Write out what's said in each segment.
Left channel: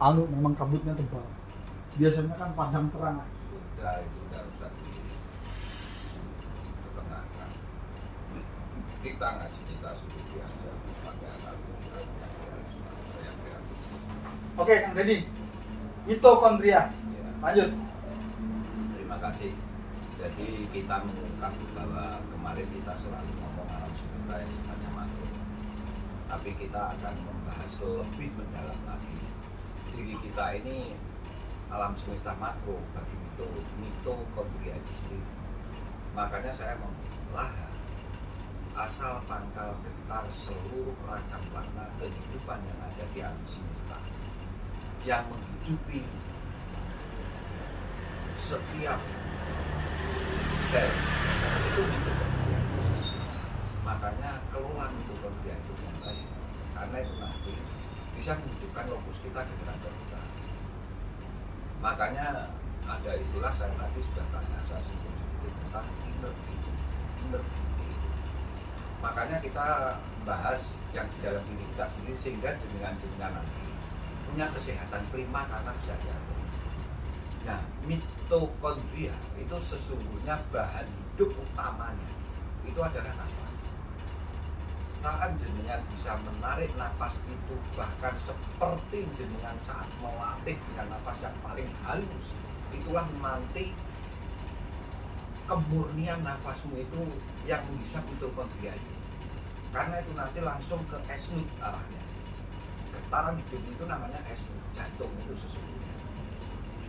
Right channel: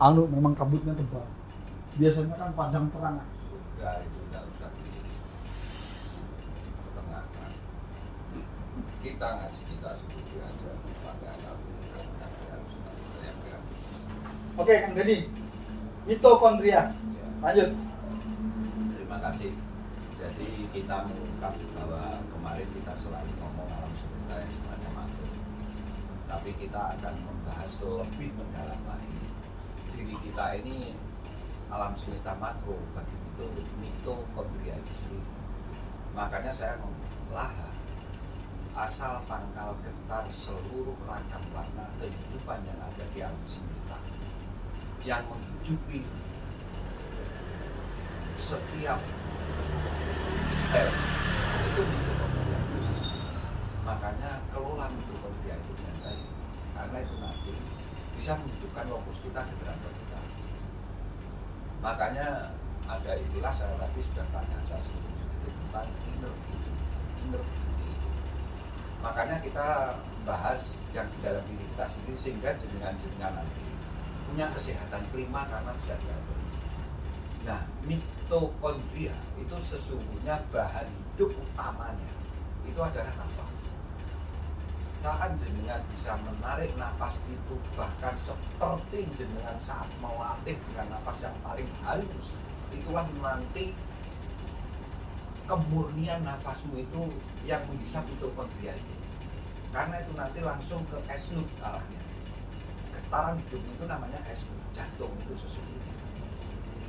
Alu memang rambutnya tebal. Biasanya kan panjang terang. Sudah itu tidak usah diperkenalkan. Kita ngasih kita setuju aja pakai kartu harus yang gratis. Oke, Kang Deddy. Mitokondria. Ya. Lanjut. Terima kasih. Jadi kita mengungkap bahwa kemarin kita selalu ngomong alam semesta yang sifatnya makro, tapi kita akan membahas lebih mendalam lagi. Diri kita ini alam semesta makro bagi mitokondria itu sendiri. Makanya saya membelaha asal pangkal getar seluruh ragam warna kehidupan yang ada di alam semesta yang menghidupi setiap sel itu mitokondria itu sendiri. Makanya kelola mitokondria itu dengan baik, karena itu nanti bisa menghidupkan lokus kita, generator kita. Makanya ada istilah, saya tadi sudah tanya, saya sebut sedikit tentang inner beauty. Makanya kita bahas yang di dalam diri kita sendiri sehingga jenengan nanti punya kesehatan prima karena bisa diatur. Nah, mitokondria itu sesungguhnya bahan hidup utamanya itu adalah nafas. Saat jenengan bisa menarik nafas itu bahkan seperti jenengan saat melatih dengan nafas yang paling halus, itulah nanti kemurnian nafasmu itu yang menghisap mitokondria itu. Karena itu nanti langsung ke esnut arahnya. Getaran hidup itu namanya esnut, jantung itu sesungguhnya.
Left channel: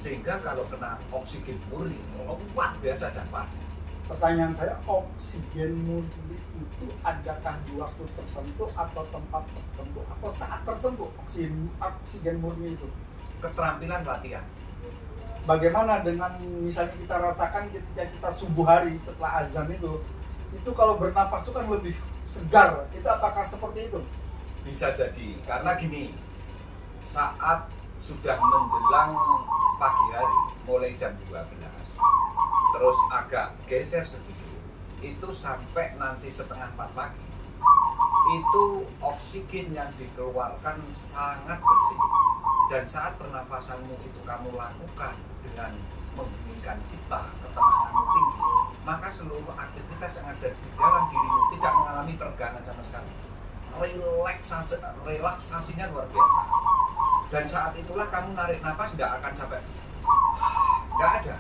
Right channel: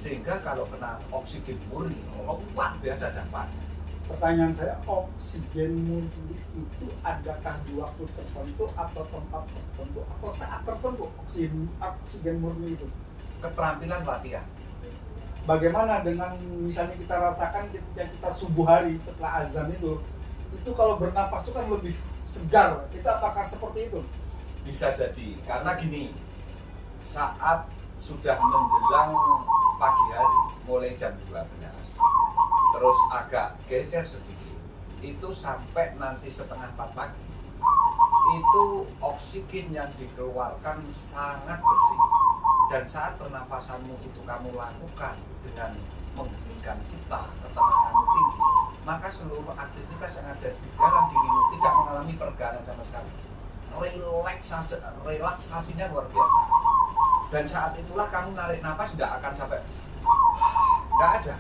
Sehingga kalau kena oksigen murni, luar biasa dampaknya. Pertanyaan saya, oksigen murni itu adakah di waktu tertentu atau tempat tertentu atau saat tertentu oksigen murni itu? Keterampilan latihan. Bagaimana dengan misalnya kita rasakan ketika kita subuh hari setelah azan itu kalau bernapas itu kan lebih segar. Kita apakah seperti itu? Bisa jadi, karena gini, saat sudah menjelang pagi hari, mulai jam 12, terus agak geser sedikit, itu sampai nanti setengah 4 pagi, itu oksigen yang dikeluarkan sangat bersih. Dan saat pernafasanmu itu kamu lakukan dengan menghembuskan cipta, ketenanganmu tinggi, maka seluruh aktivitas yang ada di dalam dirimu tidak mengalami pergana sama sekali. Relaksasinya luar biasa. Dan saat itulah kamu narik nafas tidak akan sampai nggak ada.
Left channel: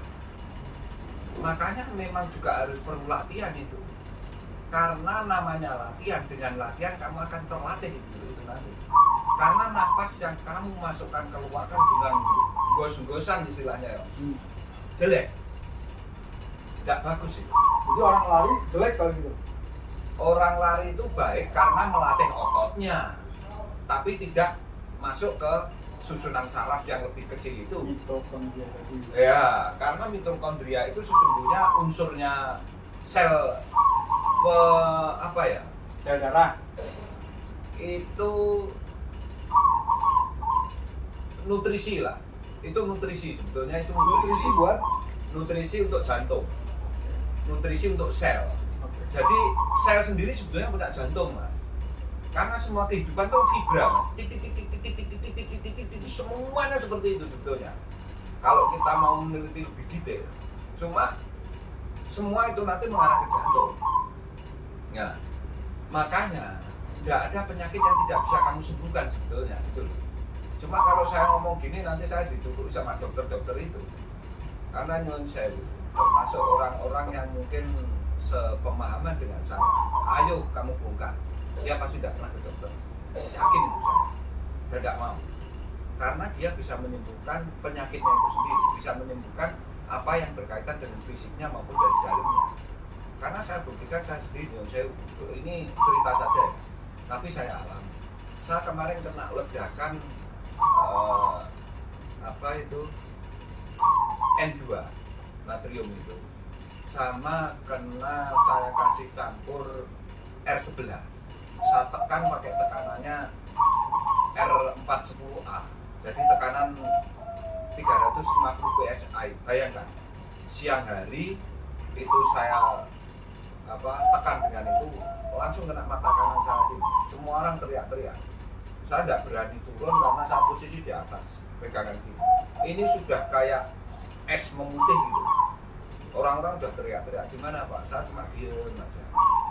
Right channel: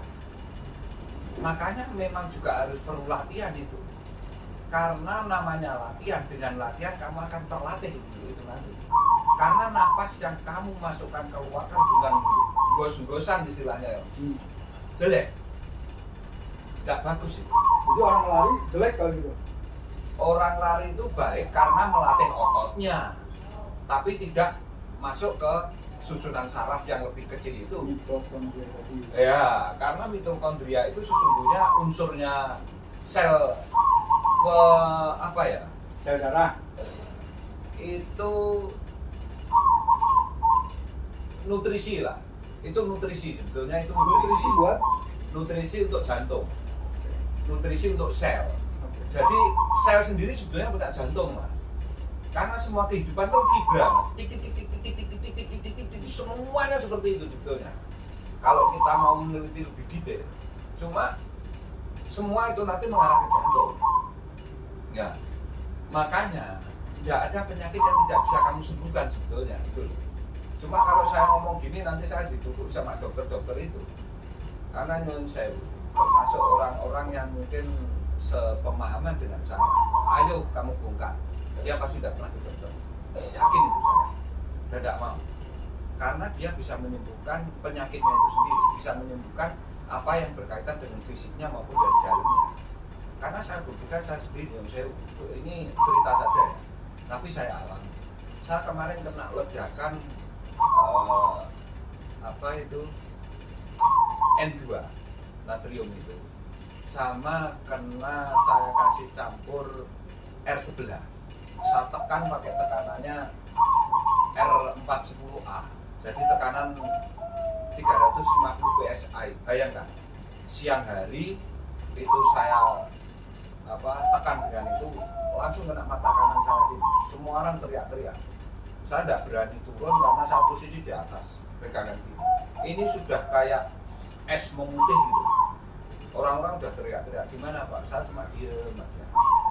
Makanya memang juga harus perlu latihan itu. Karena namanya latihan, dengan latihan kamu akan terlatih itu nanti. Karena napas yang kamu masukkan keluarkan dengan gos-gosan istilahnya ya, jelek, tidak bagus itu. Jadi orang lari jelek kalau gitu? Orang lari itu baik karena melatih ototnya, tapi tidak masuk ke susunan saraf yang lebih kecil itu. Mitokondria tadi. Ya, karena mitokondria itu sesungguhnya unsurnya sel Sel darah. Itu nutrisi lah. Itu nutrisi sebetulnya, itu Nutrisi buat? nutrisi untuk jantung. Nutrisi untuk sel. Okay. Jadi sel sendiri sebetulnya punya jantung, Mas. Karena semua kehidupan itu fibra, Mas. Tik tik tik tik tik tik tik tik tik tik tik tik, semuanya seperti itu sebetulnya. Kalau kita mau meneliti lebih detail, cuma semua itu nanti mengarah ke jantung. Ya, makanya tidak ada penyakit yang tidak bisa kamu sembuhkan sebetulnya itu. Cuma kalau saya ngomong gini nanti saya dituduh sama dokter-dokter itu. Karena nyun sewu termasuk orang-orang yang mungkin sepemahaman dengan saya. Ayo kamu bongkar. Siapa sudah pernah ke dokter? Yakin itu saya. Tidak mau. Karena dia bisa menyembuhkan penyakitnya itu sendiri, bisa menyembuhkan apa yang berkaitan dengan fisiknya maupun dari dalamnya. Karena saya buktikan saya sendiri, saya ini cerita saja ya, tapi saya alami. Saya kemarin kena ledakan N2 natrium itu, sama kena saya kasih campur R11. Saya tekan pakai tekanannya R410A, jadi tekanan 350 psi. Bayangkan siang hari itu saya tekan dengan itu, langsung kena mata kanan saya sini. Semua orang teriak-teriak. Saya tidak berani turun karena saya posisi di atas pegangan gini. Ini sudah kayak es memutih gitu. Orang-orang udah teriak-teriak, gimana Pak? Saya cuma diem aja.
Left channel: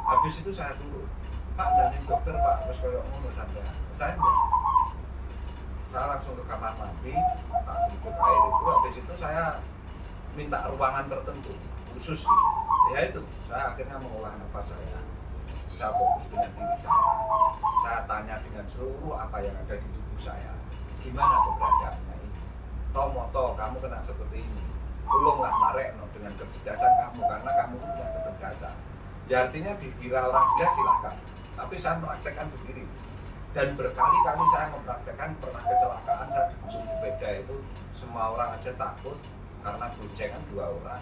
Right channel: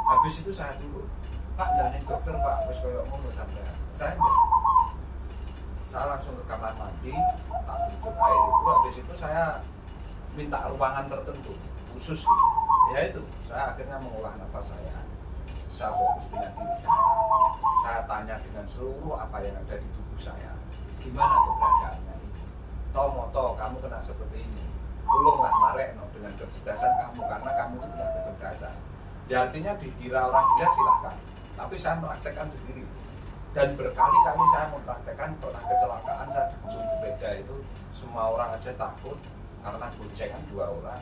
Habis itu saya turun, Pak jangan dokter Pak, terus kalau ngomong sampai saya enggak. Saya langsung ke kamar mandi, tak tutup air itu. Habis itu saya minta ruangan tertentu khusus gitu. Ya itu, saya akhirnya mengolah nafas saya fokus dengan diri saya tanya dengan seluruh apa yang ada di tubuh saya, gimana keberadaannya ini, toh kamu kena seperti ini, tolonglah Marekno dengan kecerdasan kamu, karena kamu itu punya kecerdasan. Ya artinya dikira orang gila silahkan, tapi saya mempraktekkan sendiri. Dan berkali-kali saya mempraktekkan, pernah kecelakaan saya di gunung sepeda itu, semua orang aja takut karena goncengan 2 orang.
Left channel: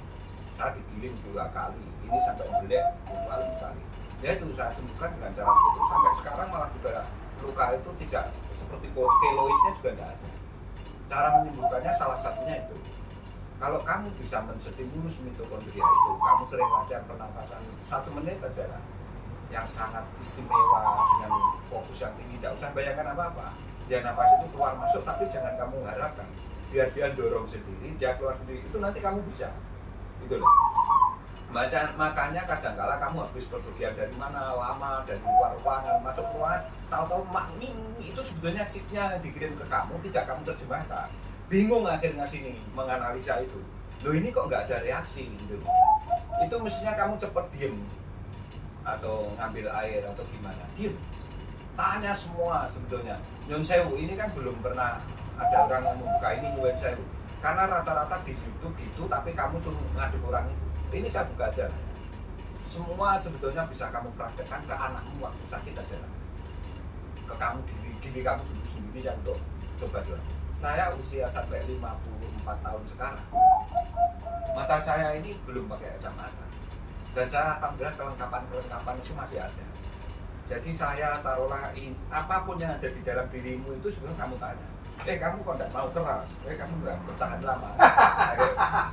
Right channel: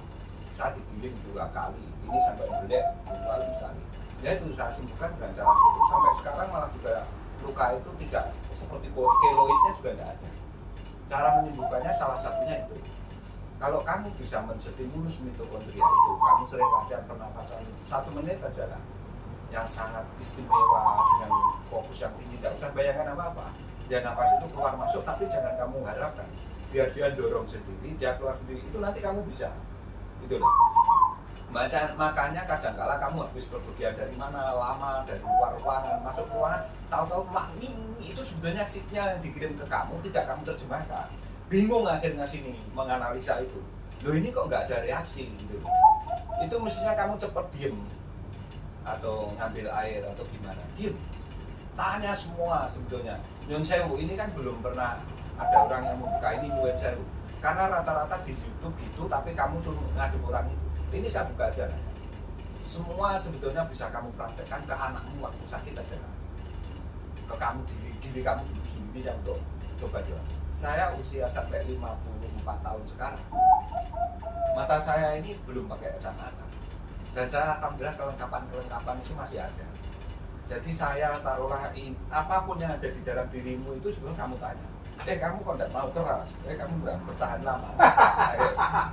Saya digiling 2 kali, ini sampai belek 2 kali. Ya itu saya sembuhkan dengan cara itu, sampai sekarang malah juga luka itu tidak seperti keloidnya juga tidak ada. Cara menyembuhkannya salah satunya itu, kalau kamu bisa menstimulus mitokondria itu, kamu sering latihan pernapasan 1 menit aja lah, yang sangat istimewa dengan fokus yang tinggi, tidak usah bayangkan apa-apa. Ya napas itu keluar masuk, tapi jangan kamu harapkan biar dia dorong sendiri, dia keluar sendiri, itu nanti kamu bisa. Itu loh. Makanya kadang-kala kamu habis perpergian dari mana, lama, dari luar ruangan, masuk ruangan, tahu-tahu makming itu sebetulnya shiftnya dikirim ke kamu, tidak kamu terjemahkan. Bingung akhirnya sini menganalisa itu. Loh ini kok nggak ada reaksi gitu. Itu mestinya kamu cepet diem atau ngambil air atau gimana, diem. Tanya semua sebetulnya. Nyun sewu ini kan belum pernah ada orang yang membuka ini nyun sewu. Karena rata-rata di YouTube gitu, tapi kamu suruh ngadep orang itu. Ini saya buka aja lah. Semua sebetulnya bisa kamu praktekkan ke anakmu waktu sakit aja lah. Ke kamu diri kamu dulu sendiri yang untuk coba. Saya usia sampai 54 tahun sekarang. Mata saya ini belum pakai kacamata. Dan saya alhamdulillah kelengkapan itu masih ada. Jadi saya taruhlah apapun yang ada di dalam dirimu itu sebelum kamu tanya. Kamu kok tidak mau keras? Kamu tidak bertahan lama?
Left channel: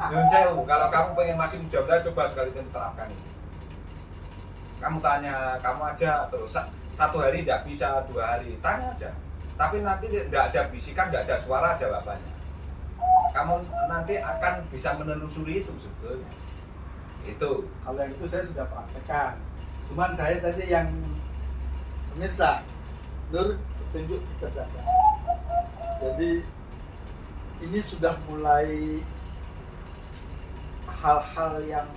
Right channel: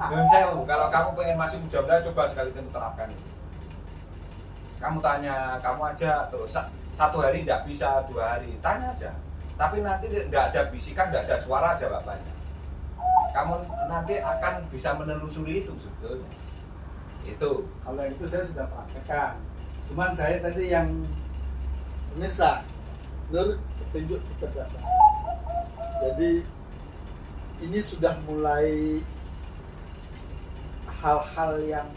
Nyun sewu, kalau kamu pengen masih muda-muda, coba sekali kamu terapkan itu. Kamu tanya, kamu aja terus 1 hari tidak bisa, 2 hari, tanya aja. Tapi nanti tidak ada bisikan, tidak ada suara jawabannya. Kamu nanti akan bisa menelusuri itu sebetulnya. Itu. Kalau yang itu saya sudah praktekkan. Cuman saya tadi yang pemirsa, Nur petunjuk kecerdasan. Jadi ini sudah mulai hal-hal yang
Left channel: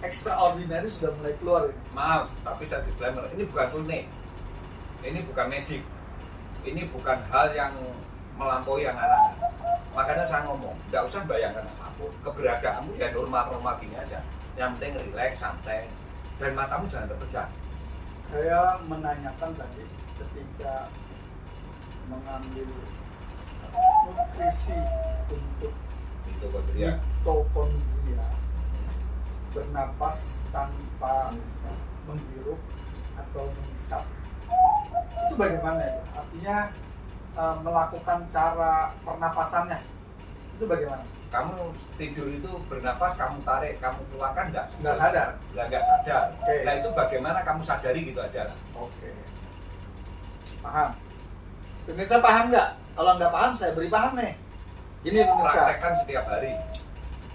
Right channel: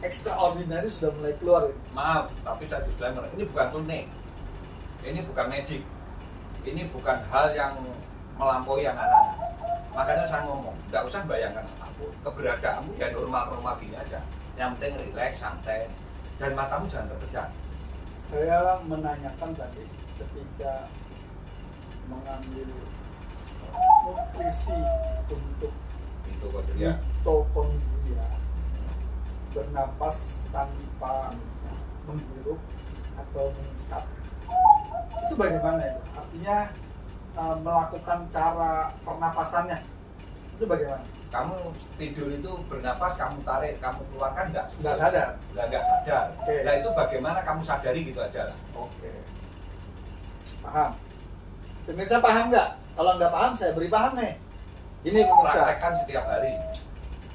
extraordinary sudah mulai keluar. Maaf, tapi saya disclaimer, ini bukan tunik, ini bukan magic, ini bukan hal yang melampaui yang aneh-aneh. Makanya saya ngomong, tidak usah bayangkan apapun, keberadaanmu ya normal-normal gini aja. Yang penting relax, santai, dan matamu jangan terpejam. Saya menanyakan tadi ketika mengambil nutrisi untuk Mitokondria. Bernapas tanpa menghirup atau menghisap, itu bagaimana itu? Artinya melakukan cara pernapasannya itu bagaimana? Kamu tidur itu bernapas, kamu tarik, kamu keluarkan nggak sadar. Nggak sadar. Okay. Nah itu bagaimana kamu sadari gitu aja lah. Oke. Paham? Pemirsa paham nggak? Kalau nggak paham, saya beri paham nih. Ini pemirsa. Praktekkan setiap hari.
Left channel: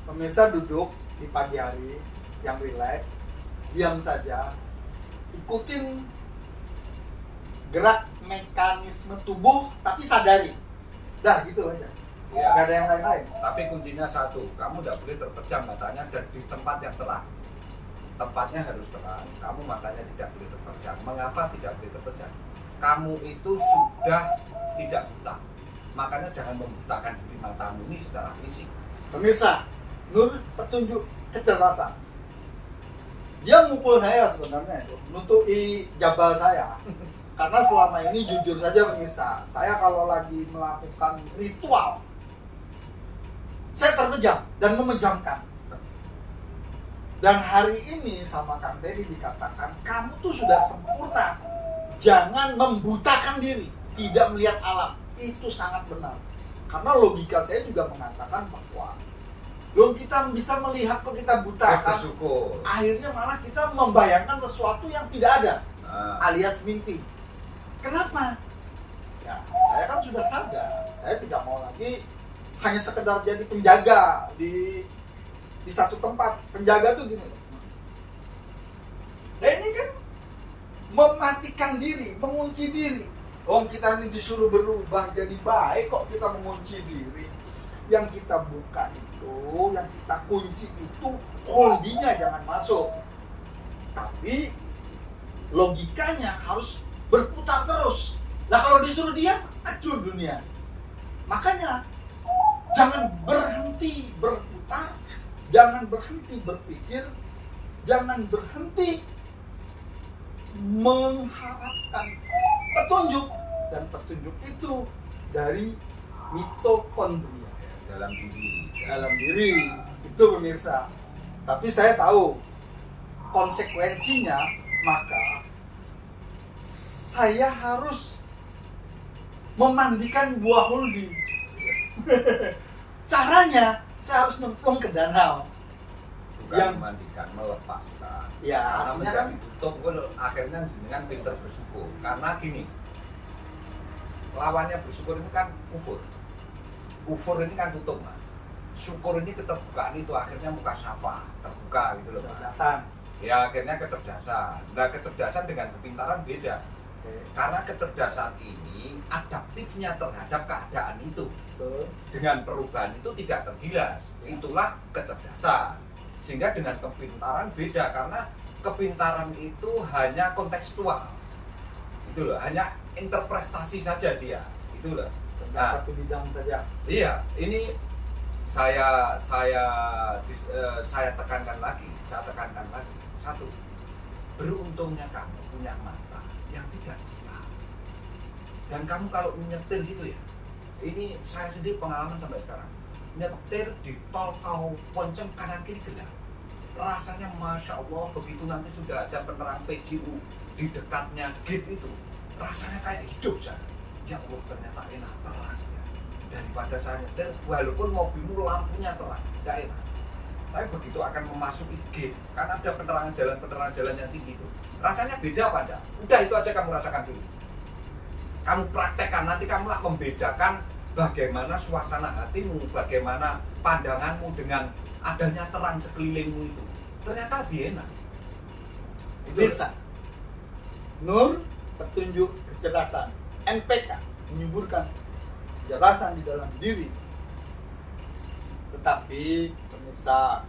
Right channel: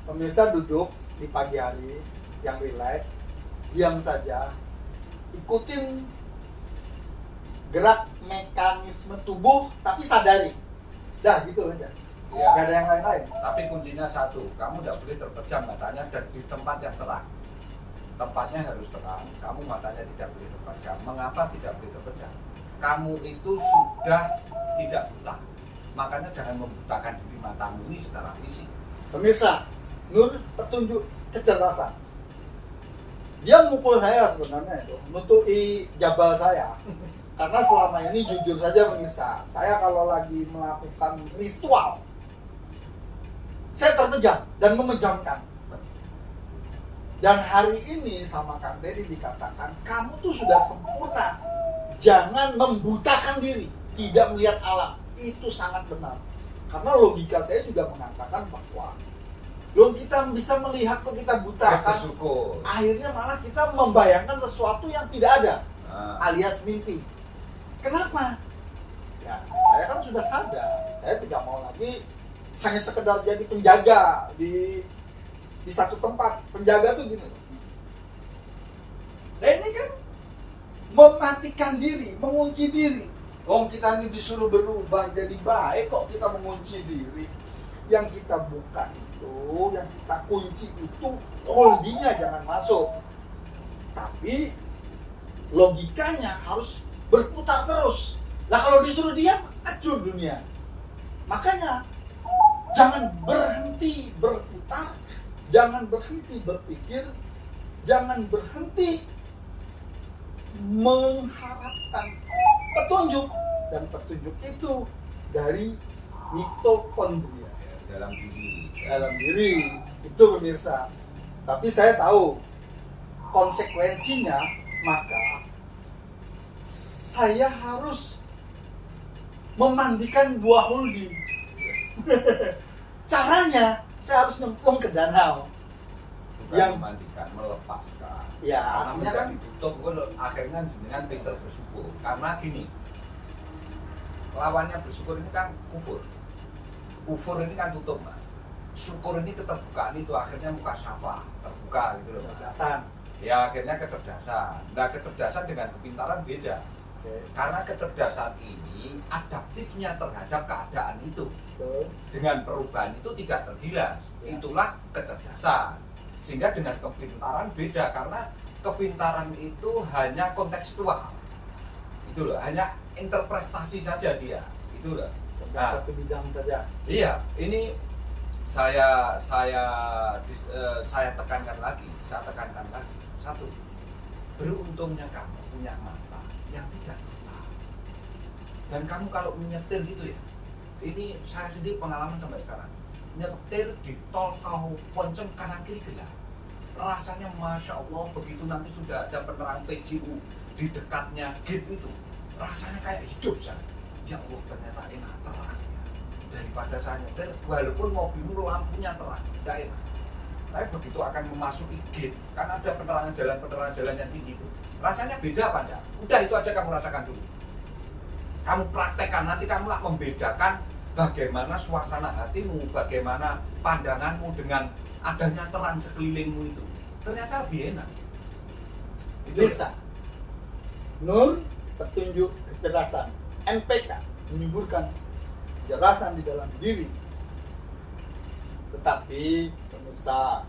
Pemirsa duduk di pagi hari yang rileks, diam saja, ikutin gerak mekanisme tubuh, tapi sadari. Dah gitu aja. Ya. Nggak ada yang lain-lain. Tapi kuncinya satu, kamu tidak boleh terpejam matanya dan di tempat yang terang. Tempatnya harus terang, kamu matanya tidak boleh terpejam. Mengapa tidak boleh terpejam? Kamu itu sudah tidak buta. Makanya jangan membutakan diri matamu ini secara fisik. Pemirsa, Nur petunjuk kecerdasan. Dia mukul saya sebenarnya itu, nutupi jabal saya. Karena selama ini jujur saja pemirsa, saya kalau lagi melakukan ritual, saya terpejam dan memejamkan. Dan hari ini sama Kang Teddy dikatakan, kamu tuh sudah sempurna. Jangan membutakan diri, tidak melihat alam. Itu sangat benar. Karena logika saya juga mengatakan bahwa belum kita bisa melihat kok kita buta. Bersyukur. Akhirnya malah kita membayangkan sesuatu yang tidak ada, Nah. alias mimpi. Kenapa? saya kan sudah sadar, saya tidak mau lagi hanya sekedar jadi penjaga di satu tempat. Penjaga tuh gini loh. Nah ini kan mematikan diri, mengunci diri. Kita ini disuruh berubah jadi baik, kok kita mengunci diri. Yang kita buka itu, yang kita kunci itu holdingnya jangan masuk. Tapi logikanya harus berputar terus. Nah kalau disuruh diam, hancur dunia. Makanya jangan berhenti berputar, jangan berhenti berpikir, jangan berhenti mengharapkan petunjuk. Dan petunjuk itu dari mitokondria dalam diri itu pemirsa. Tapi saya tahu konsekuensinya, maka saya harus memandikan buah holding. Caranya saya harus nyemplung ke danau. Bukan yang memandikan, melepaskan. Ya, Karena artinya kan menjadi tutup, akhirnya dengan pinter bersyukur. Karena gini, lawannya bersyukur ini kan kufur. Kufur ini kan tutup, Mas. Syukur ini keterbukaan itu akhirnya muka syafa, terbuka gitu loh, Mas. kecerdasan. Ya akhirnya kecerdasan. Nah kecerdasan dengan kepintaran beda. Oke. Karena kecerdasan ini adaptifnya terhadap keadaan itu. Betul. Dengan perubahan itu tidak tergilas. Ya. Itulah kecerdasan. Sehingga dengan kepintaran beda, karena kepintaran itu hanya kontekstual. Itu loh, hanya interpretasi saja dia. Itu loh. Nah, Satu bidang saja. iya, ini saya tekankan lagi. Satu, beruntungnya kamu punya mata yang tidak buta. Dan kamu kalau menyetir gitu ya, ini saya sendiri pengalaman sampai sekarang. Nyetir di tol kau ponceng kanan kiri gelap, rasanya masya Allah. Begitu nanti sudah ada penerang PJU di dekatnya gate itu, rasanya kayak hidup saya. Ya Allah, ternyata enak, terang ya. Daripada saya nyetir walaupun mobilmu lampunya terang, tidak enak. Tapi begitu akan memasuki gate, kan ada penerangan jalan yang tinggi itu, rasanya beda apa enggak? Udah, itu aja kamu rasakan dulu. Kamu praktekkan, nanti kamulah membedakan bagaimana suasana hatimu, bagaimana pandanganmu dengan adanya terang sekelilingmu itu. Ternyata lebih enak. Itu Bisa. Nur, petunjuk kecerdasan. NPK, menyuburkan kecerdasan di dalam diri. Tetapi pemirsa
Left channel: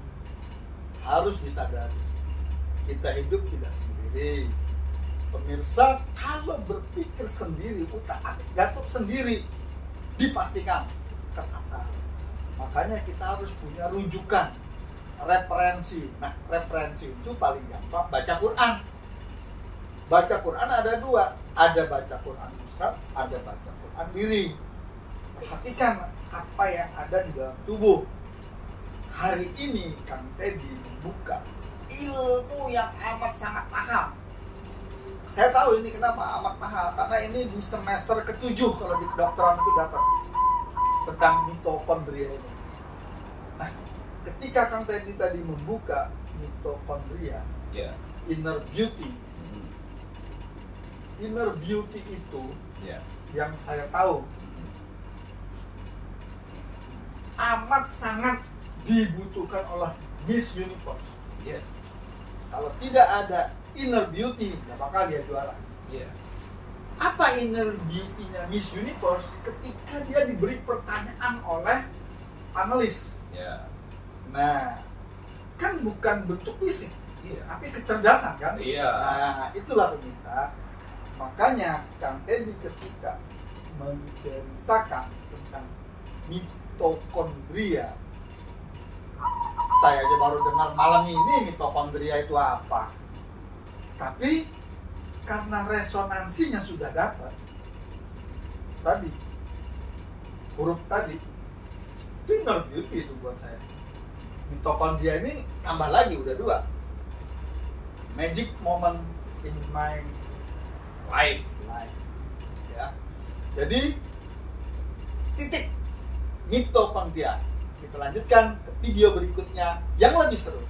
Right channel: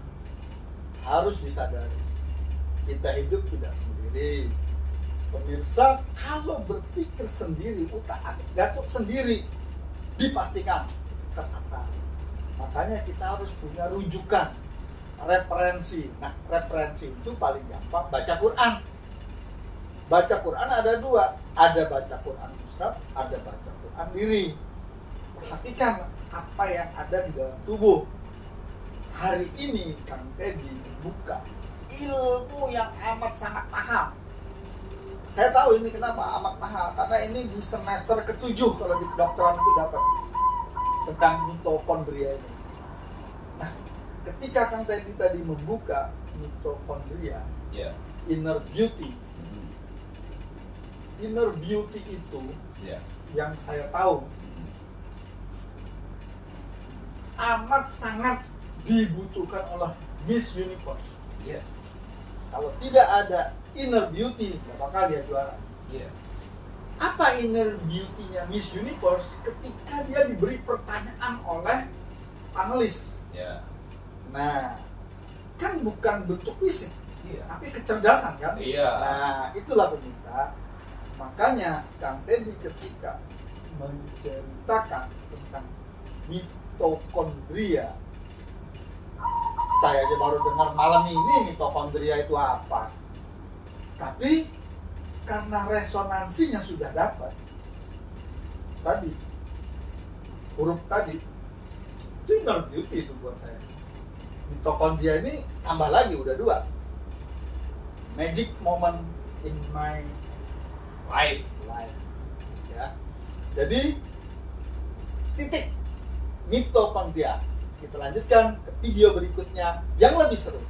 harus disadari, kita hidup tidak sendiri. Pemirsa kalau berpikir sendiri, utak-atik gatuk sendiri, dipastikan kesasar. Makanya kita harus punya rujukan, referensi. Nah, referensi itu paling gampang baca Quran. Baca Quran ada dua, ada baca Quran musyraf, ada baca Quran diri. Perhatikan apa yang ada di dalam tubuh. Hari ini Kang Teddy membuka ilmu yang amat sangat mahal. Saya tahu ini kenapa amat mahal, karena ini di semester ke-7 kalau di kedokteran itu dapat tentang mitokondria ini. Nah, ketika Kang Teddy tadi membuka mitokondria, ya. inner beauty itu Ya. yang saya tahu amat sangat dibutuhkan oleh Miss Universe. Ya. Kalau tidak ada inner beauty, nggak bakal dia juara. Ya. Apa inner beauty-nya Miss Universe? Ketika dia diberi pertanyaan oleh panelis. Ya. Nah, kan bukan bentuk fisik, Iya. tapi kecerdasan kan? Iya. Nah, itulah pemirsa. Makanya Kang Teddy ketika menceritakan tentang mitokondria, saya aja baru dengar malam ini mitokondria itu apa. Tapi karena resonansinya sudah dapat, tadi huruf tadi itu inner beauty itu buat saya. Mitokondria ini tambah lagi udah 2. Magic moment in my Live. life. Ya. Jadi titik mitokondria. Kita lanjutkan ke video berikutnya yang lebih seru.